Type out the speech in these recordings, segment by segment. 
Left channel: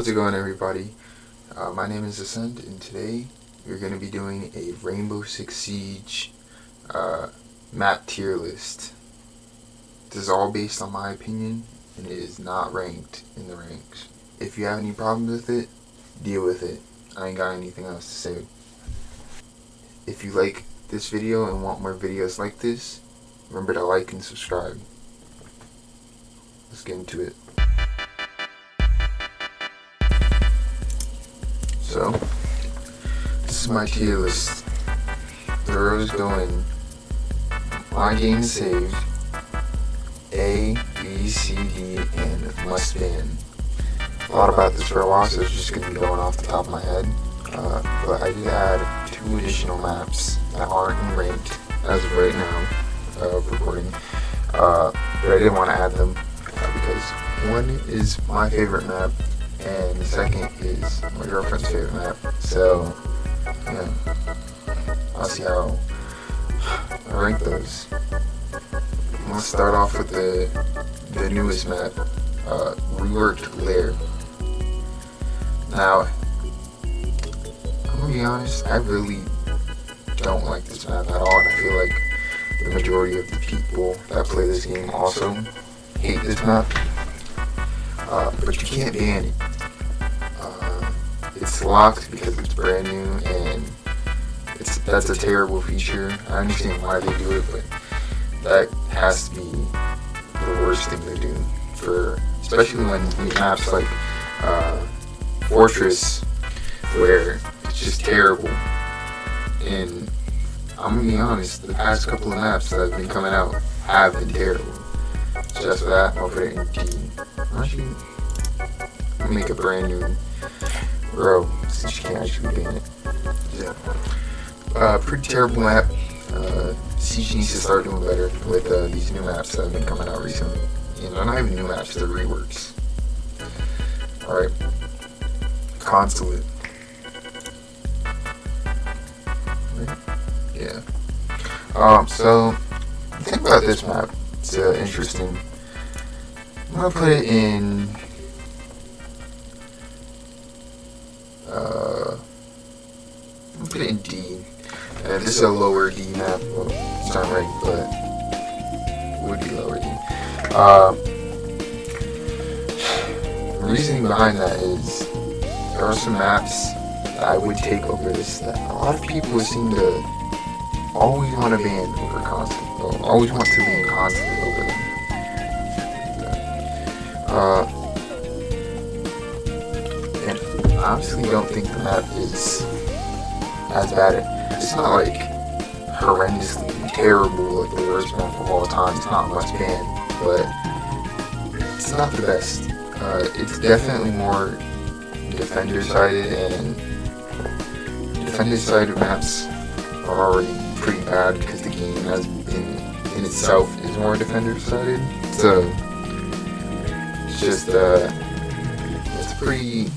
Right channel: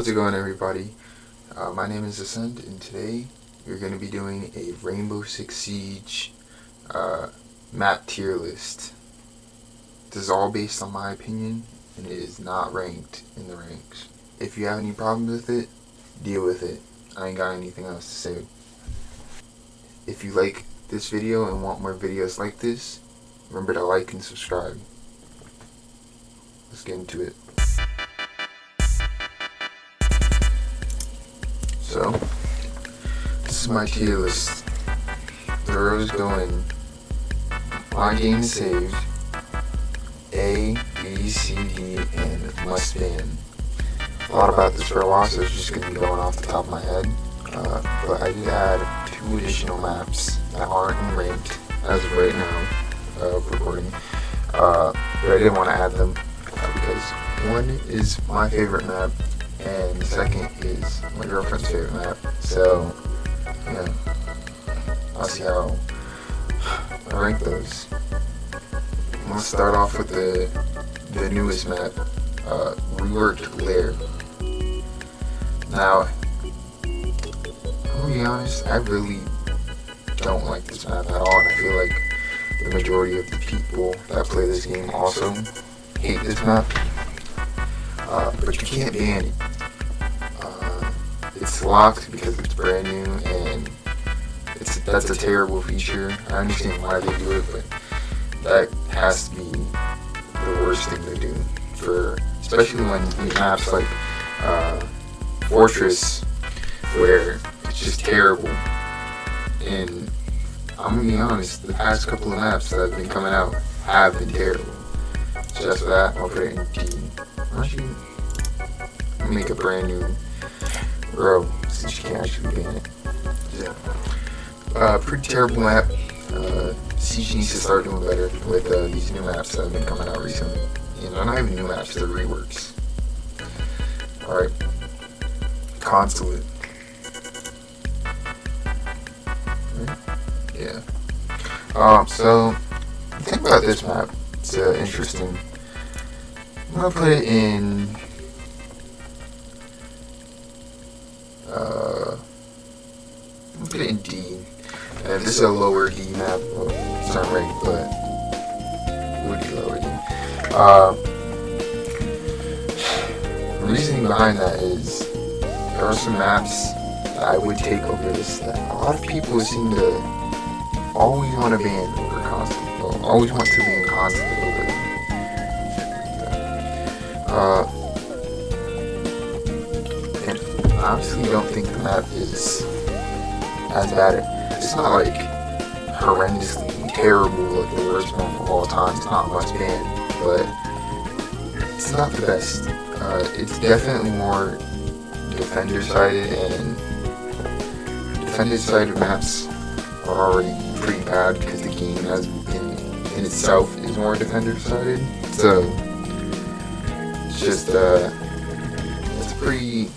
How's it going, everybody? My name is Ascend, and today we're going to be doing a Rainbow Six Siege map tier list. This is all based on my opinion, and it is not ranked in the ranks. If you have any problems with it, deal with it. I ain't got anything else to say. If you like this video and want more videos like this, remember to like and subscribe. Let's get into it. So, this is my tier list. The rows going my game saved, A, B, C, D, and must ban. A lot about this for long, so it's just going to be going off the top of my head. But I do have 2 additional maps that aren't ranked as of right now, recording. But I didn't want to add them because one is my favorite map, and the second is my girlfriend's favorite map. So, yeah, I'll see how I rank those. I'll start off with the newest map, Reworked Lair. Now, to be honest, I really don't like this map at all. I feel like the majority of the people that play this game also hate this map. But you can't ban it. It's locked because it's brand new, and that's a terrible feature. I understand why they do it, but that has to be the worst thing to do, especially when we have like Fortress, where it's just terrible. And I'm gonna be honest, the past couple of maps that have been coming out have been terrible. So that's what I'll put it in P. I'll make a brand new row since you can actually ban it. Yeah. Pretty terrible map. Siege needs to start doing better with these new maps that have been coming out recently. And they're not even new maps, they're reworks. Alright. Consulate. Yeah. So, think about this map. It's interesting. I'm gonna put it in I'll put it in D. And this is a lower D map. It's not right, but it would be lower D. The reasoning behind that is there are some maps that I would take over this. A lot of people seem to always want to ban over Consulate. Always want to ban Consulate over and I honestly don't think the map is as bad. It's not like horrendously terrible, like the worst map of all time. It's not much bad, but it's not the best. It's definitely more defender-sided, and defender-sided maps are already pretty bad because the game has in itself is more defender-sided. So it's just it's a pretty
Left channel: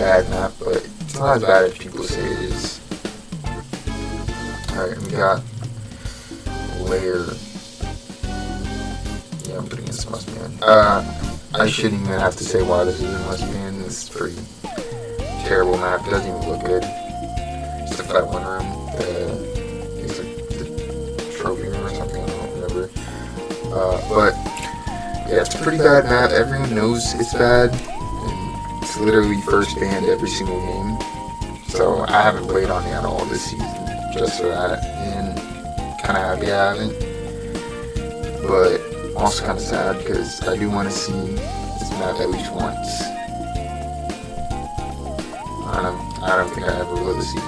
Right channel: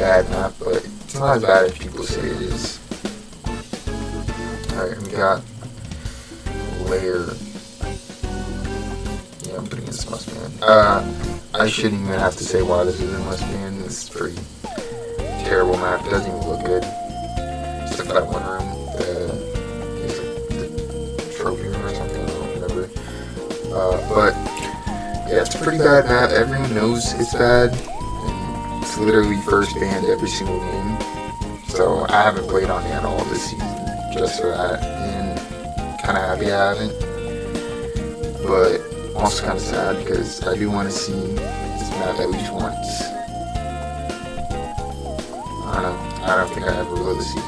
bad map, but it's not as bad as people say it is. Alright, we got Lair. Yeah, I'm putting this must ban. I shouldn't even have to say why this is a must ban. This is pretty terrible map. It doesn't even look good. Except for that one room. The trophy room or something. I don't remember. But yeah, it's a pretty bad map. Everyone knows it's bad. It's literally first banned every single game. So I haven't played on it at all this season. Just for that. And kinda happy I haven't. But also kinda sad because I do wanna see this map at least once. I don't think I ever will see it.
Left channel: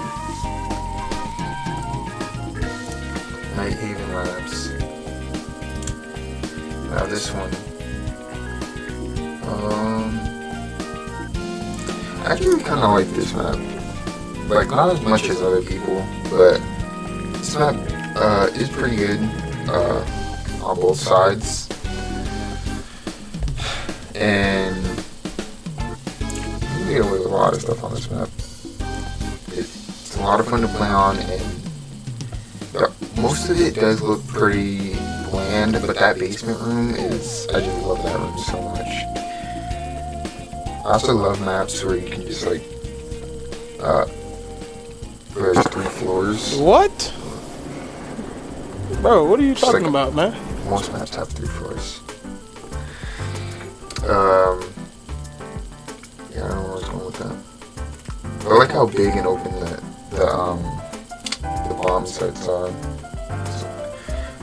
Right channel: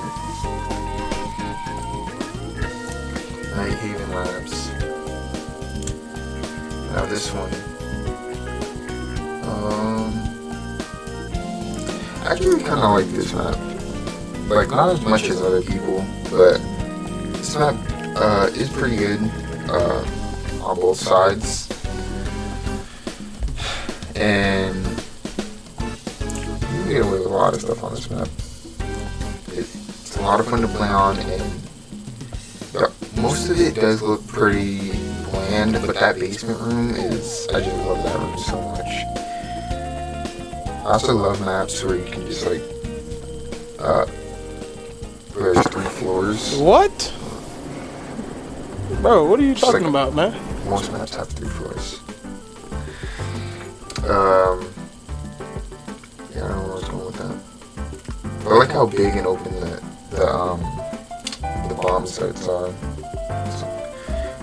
Night Haven Labs. Now this one. I actually kind of like this map. Like, not as much as other people, but this map is pretty good on both sides. And you can get away with a lot of stuff on this map. It's a lot of fun to play on, and most of it does look pretty bland, but that basement room is, I just love that room so much. I also love maps where you can just like press 3 floors. What? Bro, what are you talking about, man? Most maps have 3 floors. Yeah, I don't know what's going with that. I like how big and open the bomb sites are.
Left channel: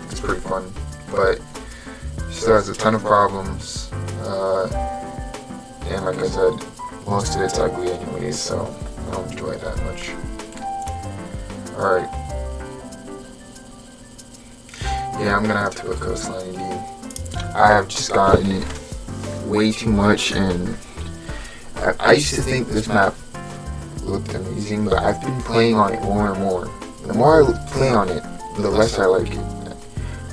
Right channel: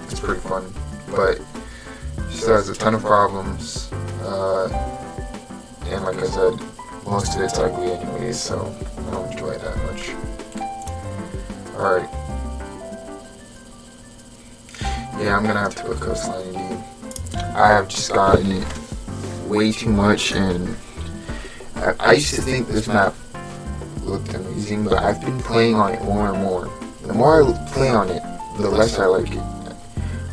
It's pretty fun, but it still has a ton of problems. And like I said, most of it's ugly anyways, so I don't enjoy it that much. Alright. Yeah, I'm gonna have to go find you. I have just gotten way too much, and I used to think this map looked amazing, but I've been playing on it more and more. The more I play on it, the less I like it.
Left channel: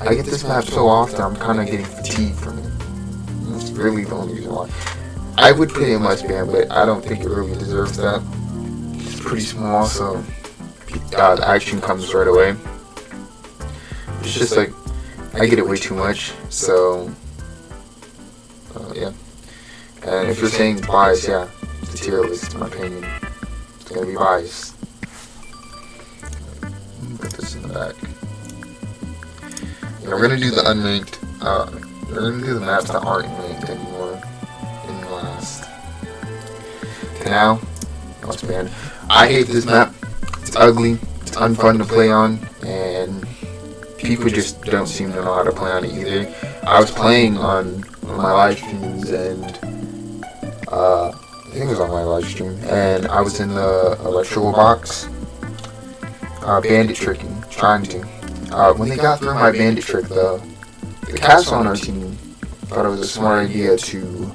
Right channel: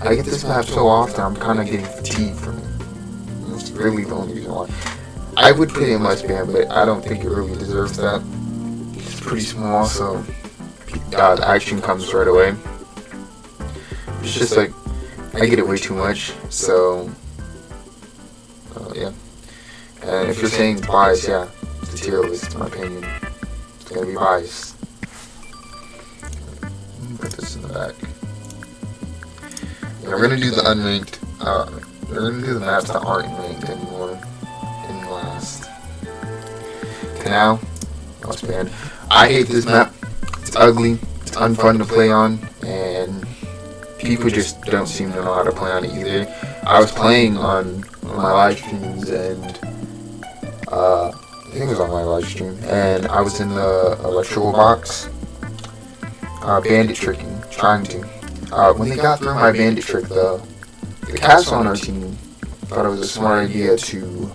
I get this map so often, I'm kind of getting fatigued from it. That's really the only reason why. I would pay a less ban, but I don't think it really deserves that. It's pretty small, so the action comes right away. It's just like, I get it way too much, so yeah. And if you're saying bias, yeah, it's a tier list, in my opinion. It's gonna be biased. Put this in the back. Yeah, we're gonna do the unranked, we're gonna do the maps that aren't ranked anymore in the last. Now, what's bad? I hate this map. It's ugly, it's unfun to play on, and people just don't seem to know how to play on it either. I was playing on my live streams, and it was on my live stream, and I was in the electoral box, bandit tricking, trying to. When they got through my bandit trick though, the castle on our team thought it was a smart idea to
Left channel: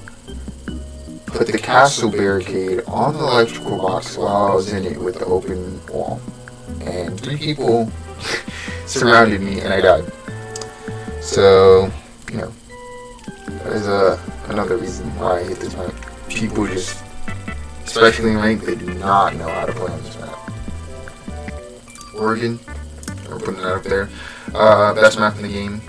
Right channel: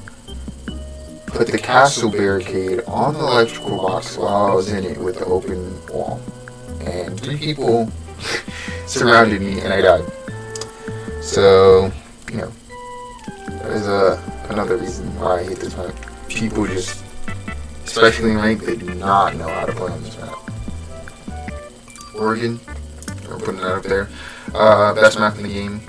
put the castle barricade on the electrical box while I was in it with the open wall. And 3 people surrounded me and I died. So, you know, there's another reason why I hate this map. People just, especially ranked, they do not know how to play on this map. Oregon, I'm putting that up there. Best map in the game.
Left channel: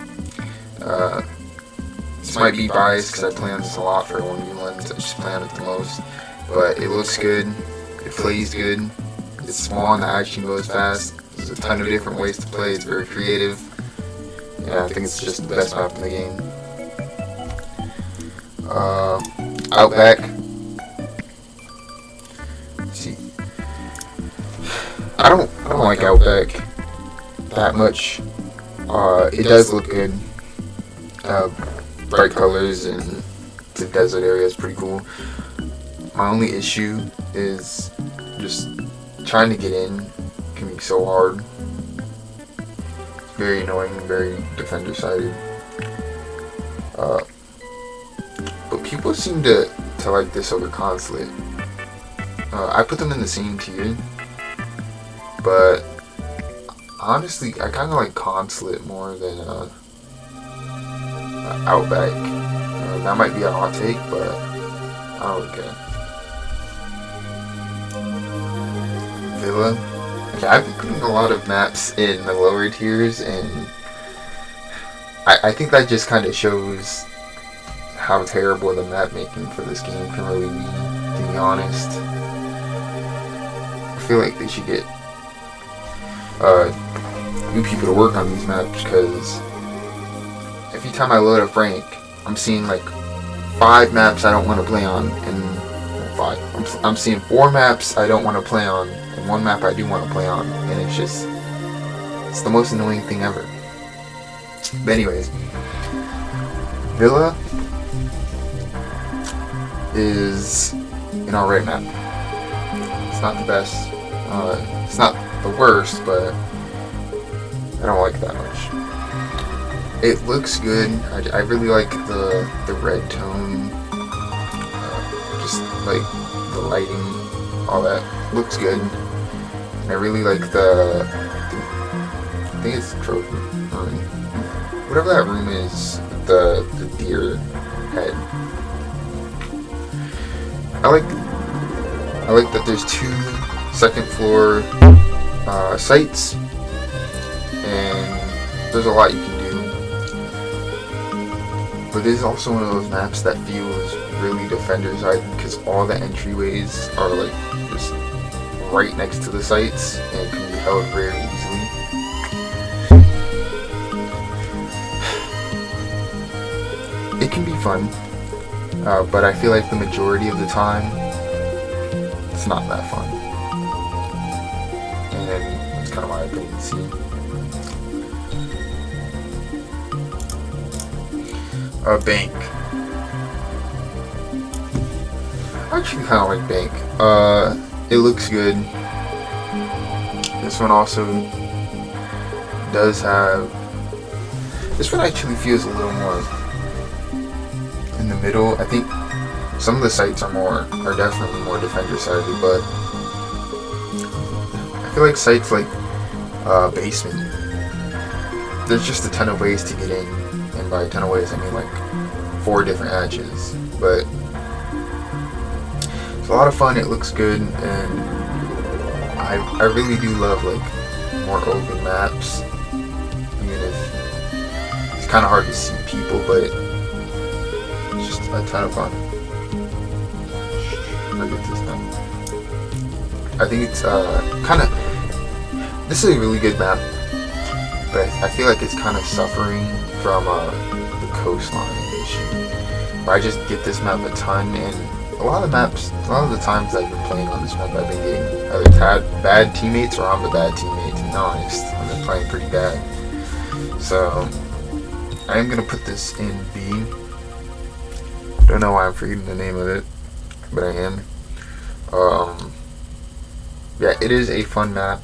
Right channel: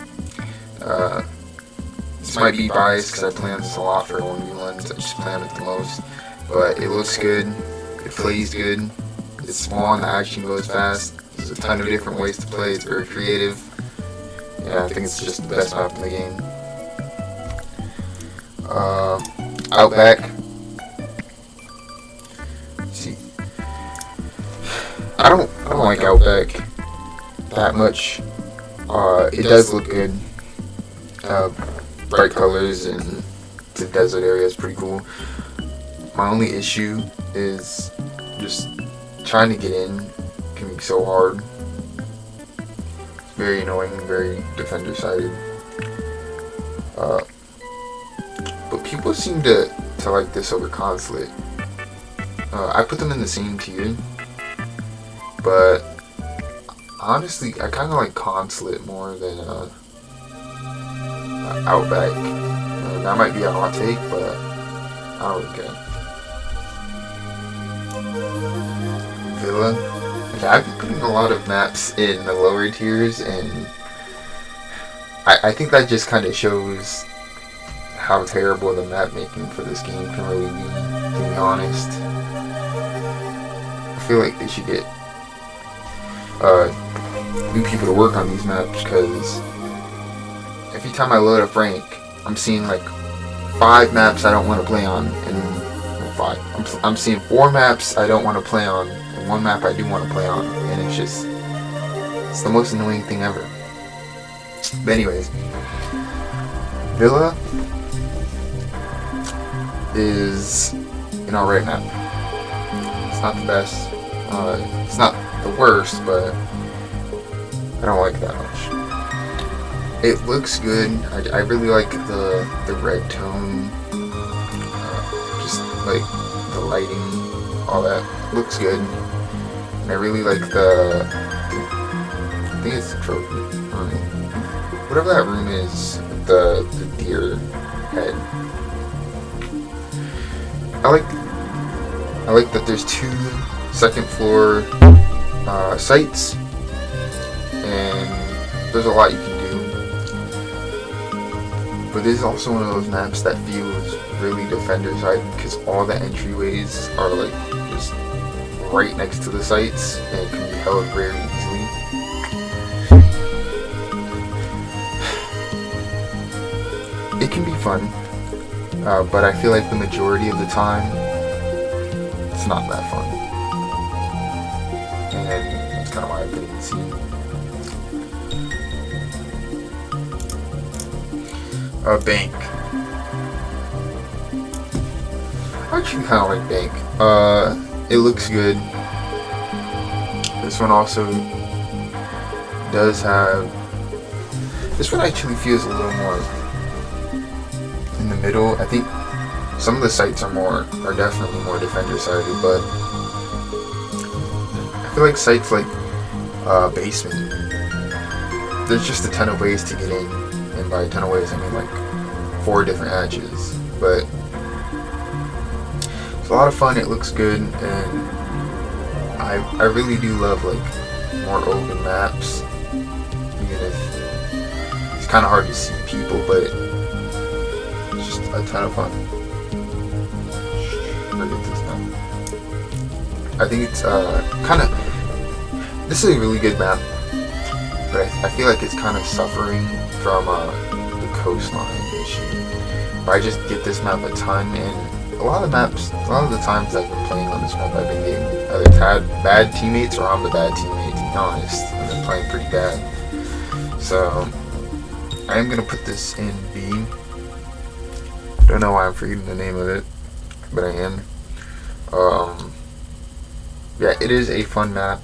This might be biased because I play on this a lot for 1v1s. I just play on it the most. But it looks good. It plays good. It's small and the action goes fast. There's a ton of different ways to play. It's very creative. Yeah, I think it's just the best map in the game. Outback. Let's see. I don't like Outback that much. It does look good. Bright colors and the desert area is pretty cool. My only issue is just trying to get in can be so hard. It's very annoying, very defender sided. But people seem to like this on the consulate. I put them in the same tier, but honestly, I kind of like consulate more than Outback. And that might be a hot take, but I don't care. Villa. I've been putting a lot of maps in the lower tiers, and I think that just kind of shows how terrible the map making for this game can really be, to be honest. I feel like they should get new people to work on these maps, because every time I load up rank, I'm seeing like 5 maps I don't want to play on, and 5. I'm seeing 4 maps I don't want to play on, and 1 map I do want to play on, and it's the most annoying thing ever. But anyways, Villa is an alright map. It's not the best. It's not the worst, but I don't like it that much. It looks good. I really like the red tone. Just like the lighting, all that looks good. And I really like the. I think it's the trophy. Whatever that room is, the deer head. I like that there's 2 second floor sites, and there's a lot you can do. But this is also one of those maps that feels really defender side because all the entryways are like just right next to the sites and can be held very easily. It can be fun, but I feel like the majority of the time it's not that fun. It's kind of my opinion. Bank. Actually, kind of like Bank. It looks good. This one also does have. This one actually feels a little more in the middle. I think some of the sites are definitely more defender sided, but I feel like sites like Basement, there's just a ton of ways to get in, and by a ton of ways I mean like 4 different hatches, but it's a lot of fun. It looks good, and I really do love like more open maps. It's kind of hard to see people, but it's just a ton of fun. I get this done. I think it's kind of. This is a really good map, but I feel like it's kind of suffering from the coastline. I just get this map a ton, and a lot of the times I've been playing on this map, I've been getting either bad teammates or I'm the bad teammate, to be honest. I've been playing pretty bad. So, I am going to put this in B. Don't know why I'm forgetting the name of it, but I am. Yeah, it is a fun map,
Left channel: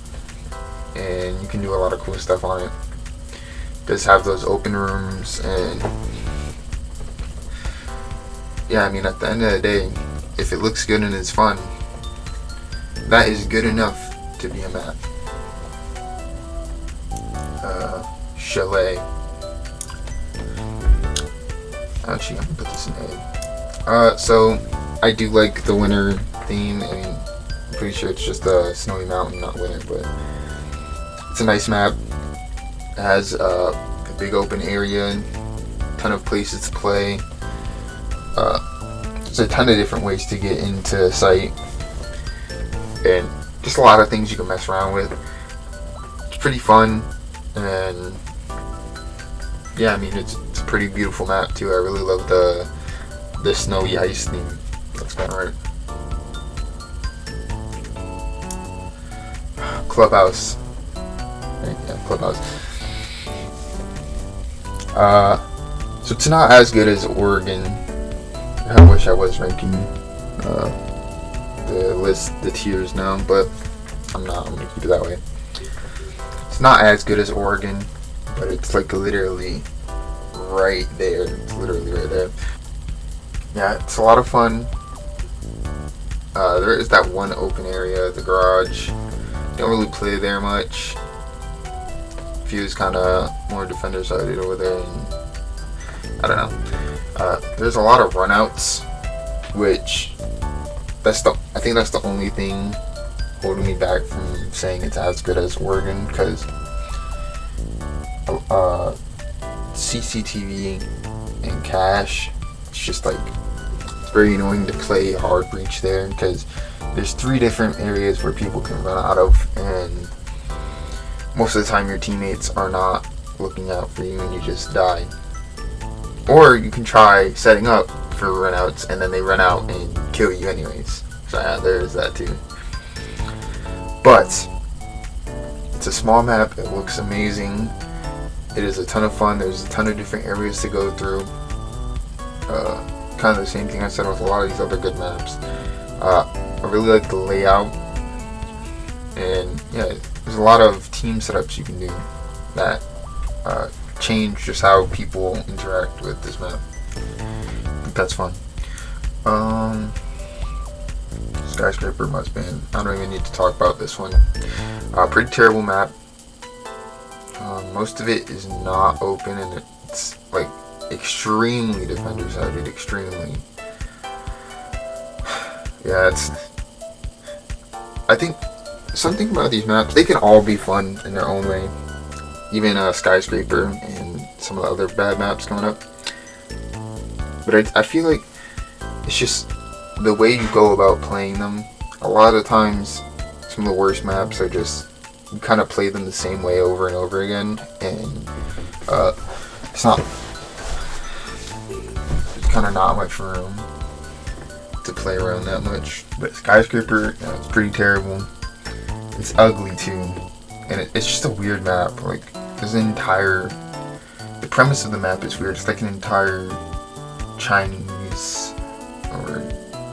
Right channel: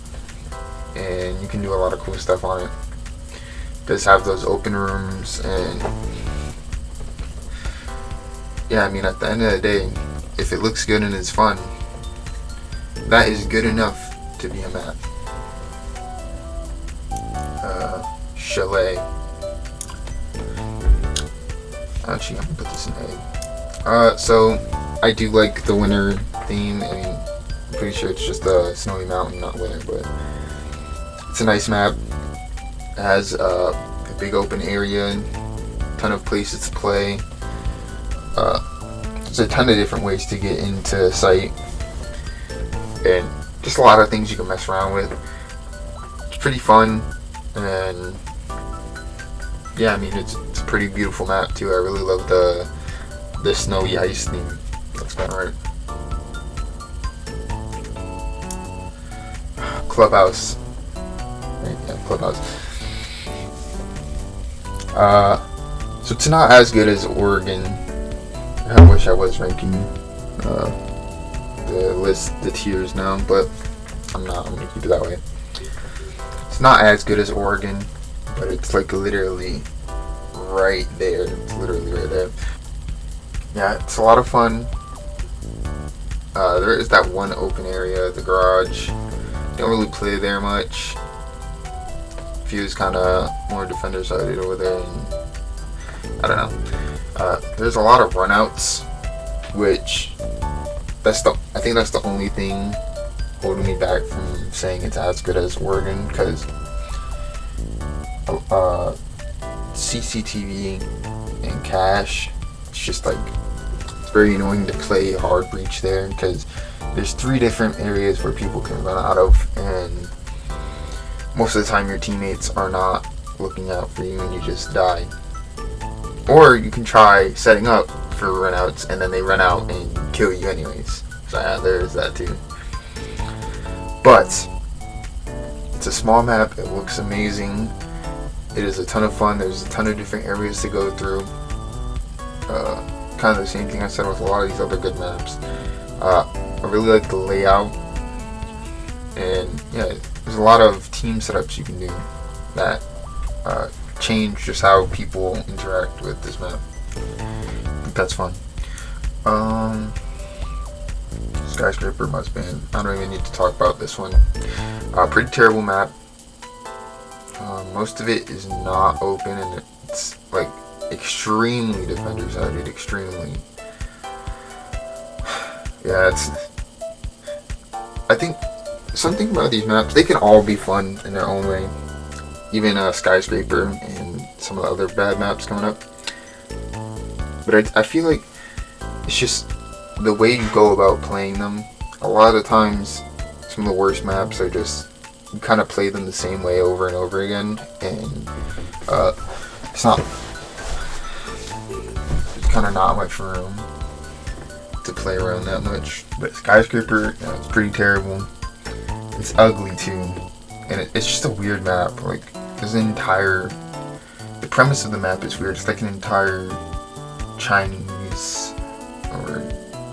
and you can do a lot of cool stuff on it. It does have those open rooms, and yeah, I mean, at the end of the day, if it looks good and it's fun, that is good enough to be a map. Chalet. Actually, I'm gonna put this in A. So, I do like the winter theme. I mean, I'm pretty sure it's just a snowy mountain, not winter, but it's a nice map. It has a big open area, a ton of places to play. There's a ton of different ways to get into the site, and just a lot of things you can mess around with. It's pretty fun, and yeah, I mean it's a pretty beautiful map too. I really love the snowy ice theme. That's kind of right. Clubhouse. Yeah, Clubhouse. So it's not as good as Oregon. I wish I was ranking the tiers now, but I'm not. I'm gonna keep it that way. It's not as good as Oregon, but it's like literally right there. It's literally right there. Yeah, it's a lot of fun. There is that one open area, the garage. Don't really play there much. View's kind of more defender sided over there, and I don't know. There's a lot of runouts, which I think that's the only thing holding me back from saying it's as good as Oregon, because CCTV and cash, it's just like it's very annoying to play hard breach there because there's 3 different areas where people can run out of, and most of the time your teammates are not looking out for you and you just die. Or you can try setting up for runouts and then they run out and kill you anyways. So yeah, there's that too. But it's a small map. It looks amazing. It is a ton of fun. There's a ton of different areas to go through. Kind of the same thing I said with a lot of these other good maps. I really like the layout, and yeah, there's a lot of team setups you can do that change just how people interact with this map. I think that's fun. Skyscraper must be. I don't even need to talk about this one. Pretty terrible map. Most of it is not open, and it's like extremely defender sided. Extremely. Yeah, I think something about these maps, they can all be fun in their own way. Even Skyscraper and some of the other bad maps coming up. But I feel like it's just the way you go about playing them. A lot of the times, some of the worst maps are just you kind of play them the same way over and over again, and it's not. There's kind of not much room to play around that much. But Skyscraper, it's pretty terrible. It's ugly too, and it's just a weird map. Like there's an entire. The premise of the map is weird. It's like an entire Chinese or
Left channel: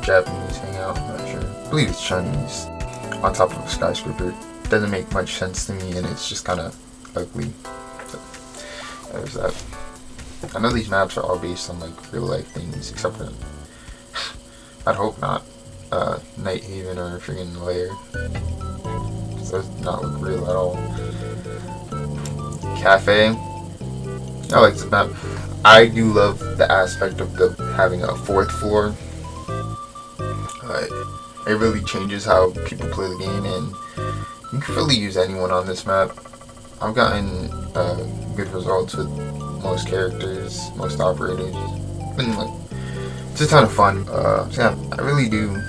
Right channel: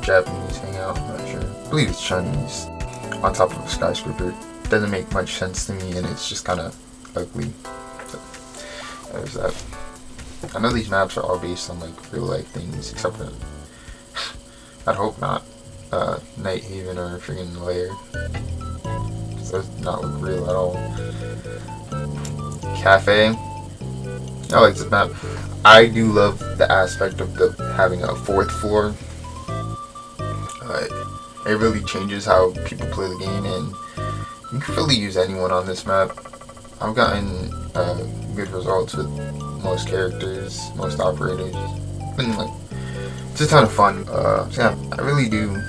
Japanese hangout. I'm not sure. I believe it's Chinese. On top of a skyscraper. It doesn't make much sense to me, and it's just kind of ugly. So, there's that. I know these maps are all based on like real life things, except for I hope not. Night Haven or freaking Lair. So it's not look real at all. Cafe. I like this map. I do love the aspect of having a fourth floor. It really changes how people play the game, and you can really use anyone on this map. I've gotten good results with most characters, most operators. It's a ton of fun. So yeah, I really do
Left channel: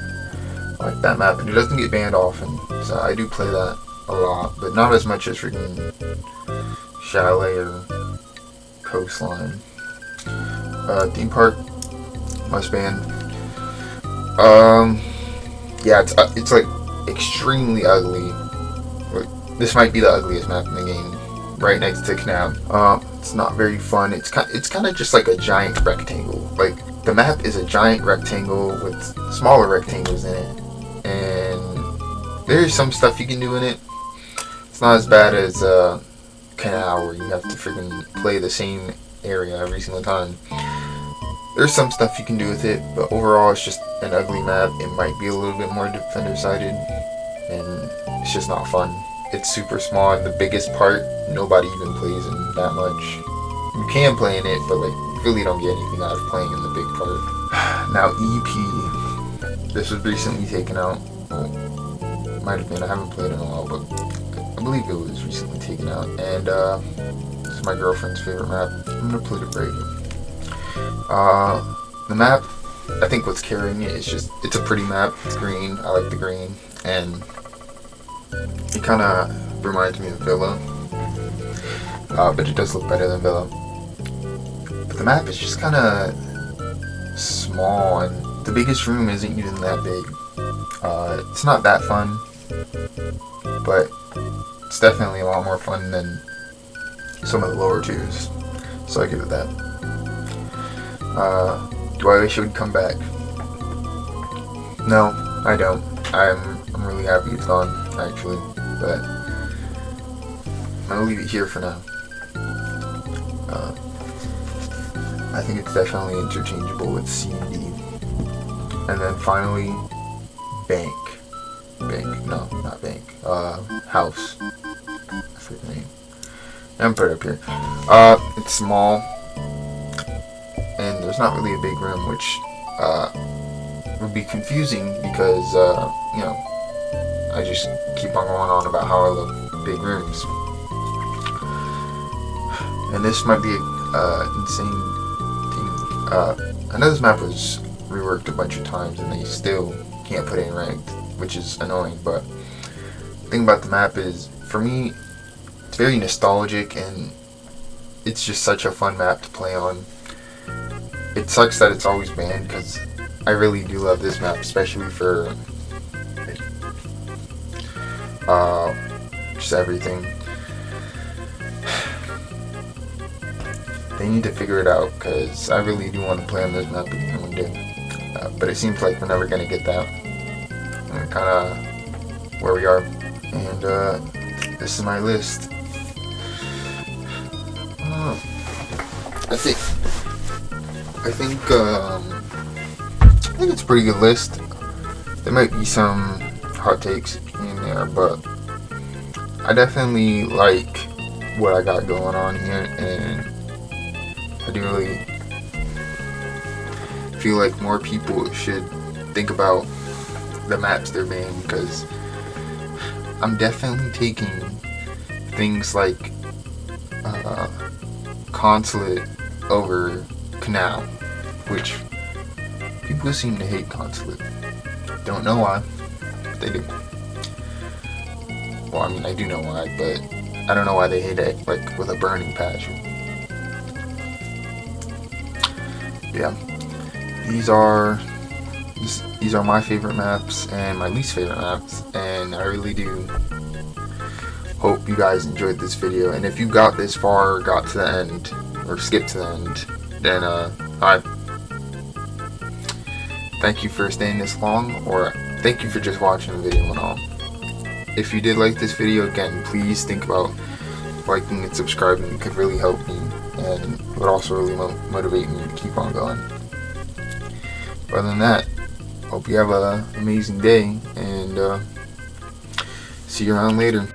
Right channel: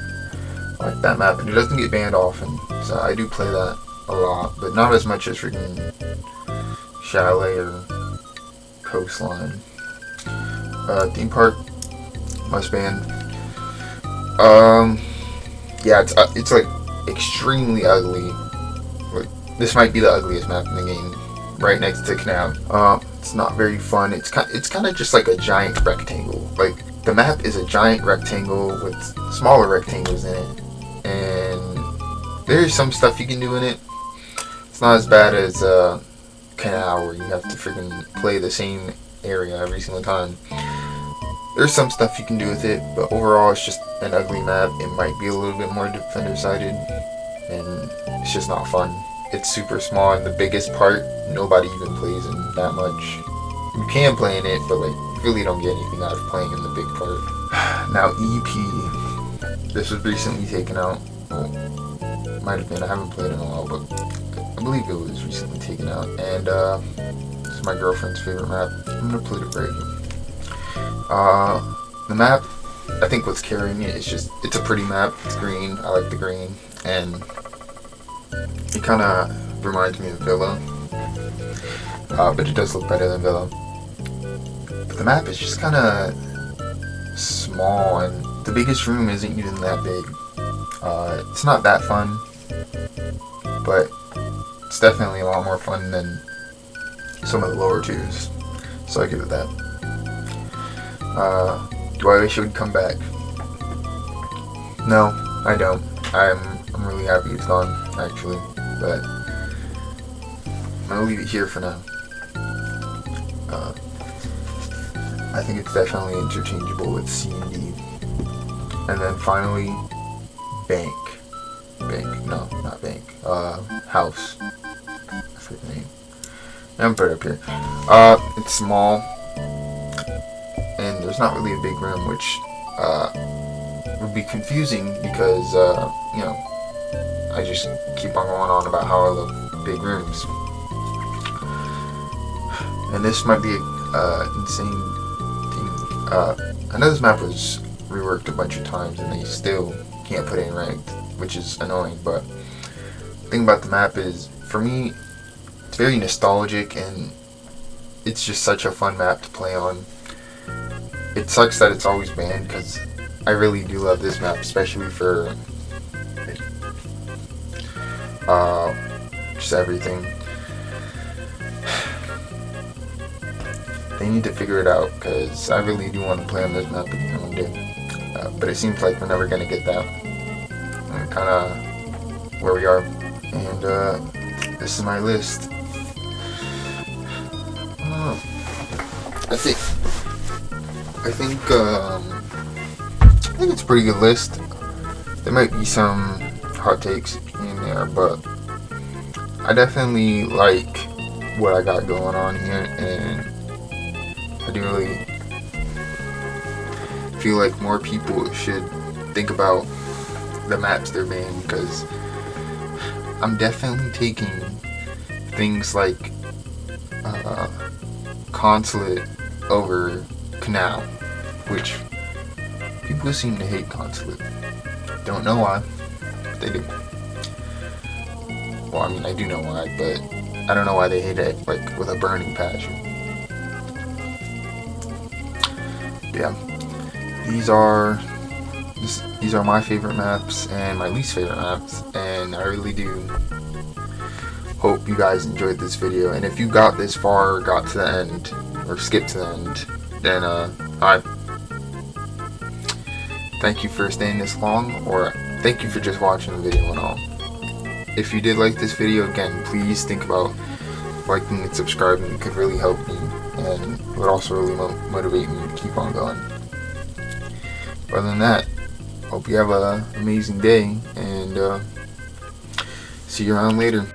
like that map, and it doesn't get banned often, so I do play that a lot, but not as much as freaking Chalet or Coastline. Theme Park, must ban. Yeah, it's like extremely ugly. Like, this might be the ugliest map in the game, right next to Canal. It's not very fun. It's kind of just like a giant rectangle. Like the map is a giant rectangle with smaller rectangles in it, and there's some stuff you can do in it. It's not as bad as Canal, where you have to freaking play the same area every single time. There's some stuff you can do with it, but overall it's just an ugly map. It might be a little bit more defender-sided, and it's just not fun. It's super small, and the biggest part, nobody even plays in that much. You can play in it, but we really don't get anything out of playing in the big part. Now EP. This was recently taken out. Well, might have been, I haven't played in a while, but I believe it was recently taken out, and it's my girlfriend's favorite map. I'm gonna put it right here. The map, I think what's carrying it is just, it's a pretty map. It's green, I like the green, and it kind of reminds me of Villa, but it does look better than Villa. But the map is just kind of small, and the biggest room isn't even that big. It's not that fun, but it's definitely a lot more fun than some of the lower tiers, so I give it that. Do I wish it would come back? No, I don't. I'm really happy it's gone, actually, but I'll leave it here for now. I think it's definitely interchangeable with C&D. And then finally, Bank. No, not Bank. House. That's the name. I'm put it up here. It's small. There's not really a big room, which would be confusing because, I just keep on going on about how I love big rooms. And this might be insane thing. I know this map was reworked a bunch of times and they still can't put it in ranked, which is annoying, but the thing about the map is, for me, it's very nostalgic and it's just such a fun map to play on. It sucks that it's always banned because I really do love this map, especially for just everything. They need to figure it out because I really do want to play on this map again one day. But it seems like we're never going to get that. Kind of where we are. And this is my list. That's it. I think it's a pretty good list. There might be some hot takes in there, but I definitely like what I got going on here, and I do really feel like more people should think about the maps they're banning, because I'm definitely taking things like Consulate over Canal, which People seem to hate consulate. Don't know why, but they do. Well, I mean, I do know why, but I don't know why they hate it like with a burning passion. Yeah, these are my favorite maps and my least favorite maps, and I really do hope you guys enjoyed this video. And if you got this far, got to the end, or skipped to the end, then hi. Thank you for staying this long, or thank you for just watching the video at all. If you did like this video, again, please think about liking and subscribing. It could really help me, and it would also really motivate me to keep on going. Other than that, hope you have an amazing day, and see you around later.